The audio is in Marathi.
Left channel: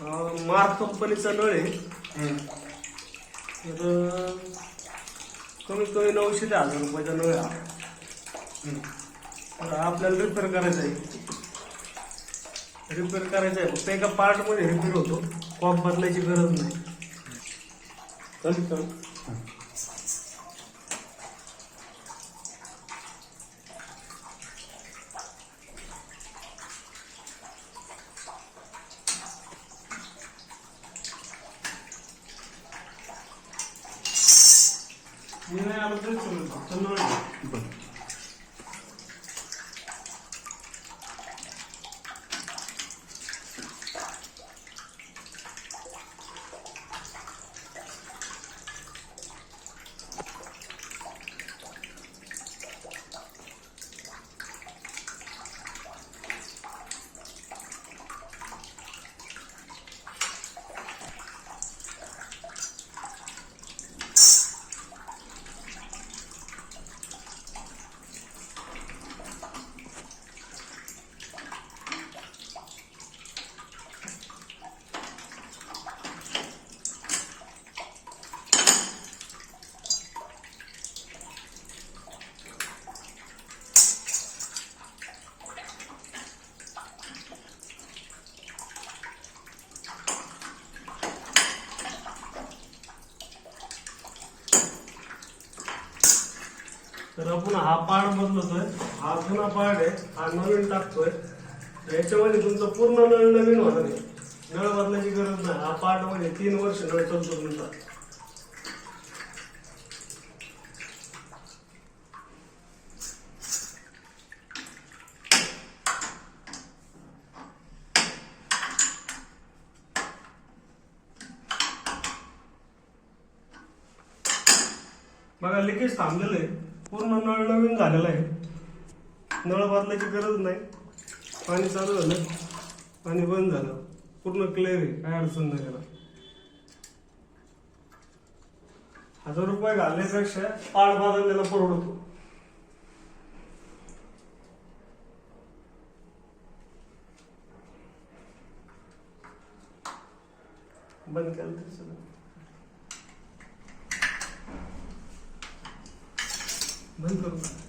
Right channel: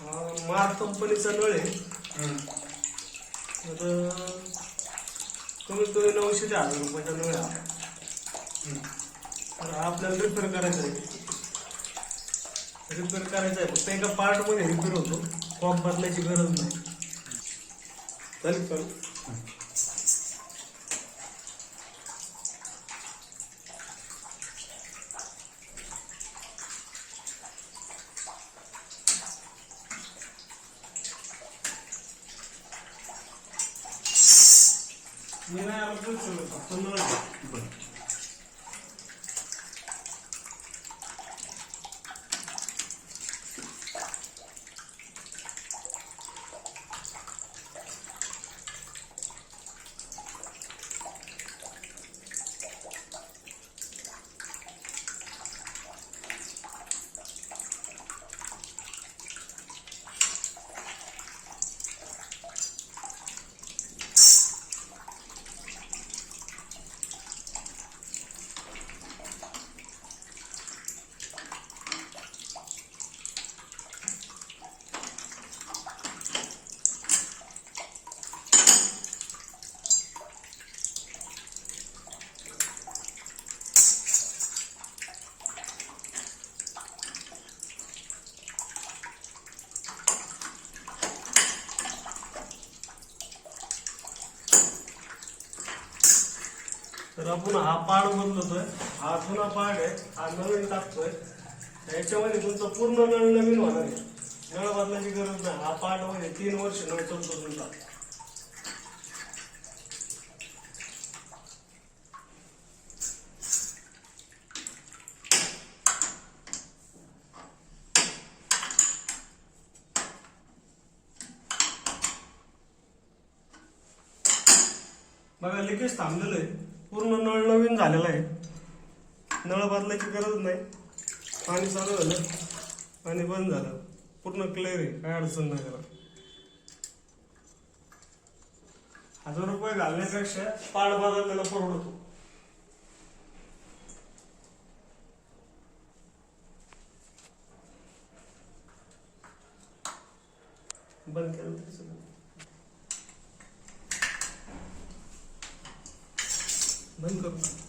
मार्क कंपनीचा नळ आहे. तर कमीत कमी 900 ते 1000 रुपयाचा नळ आहे हा. तर आपल्याला रिपेअर करायचा आहे. फक्त एका पार्ट मध्ये रिपेअर होतो, कॉक बदलायची गरज नाही. मी नाही आलो तरी चालेल, फक्त नळ आहे. तर आपण हा पार्ट बदलतोय. हा जुना पार्ट आहे, हा नवीन टाकतोय. याच्यामध्ये तुमचं पूर्ण नळ नवीन होणार आहे. नळ बदलायची गरज नाही. हा पार्ट मध्ये 3 वर्ष नळ चालतो तुमचा. बघा लिकेज थांबलेलं आहे, पूर्ण नळ नवीन झालेला आहे. नळ बदलायची गरज नाही. पाणी चालू झालं, पाणी बंद झालं, पूर्ण क्लिअर आहे, काय अडचण नाही त्याला. 1000 रुपये घालण्यापेक्षा पार्ट बदललेला परवडतो. बंद केलं तरी चालेल. बंद करू.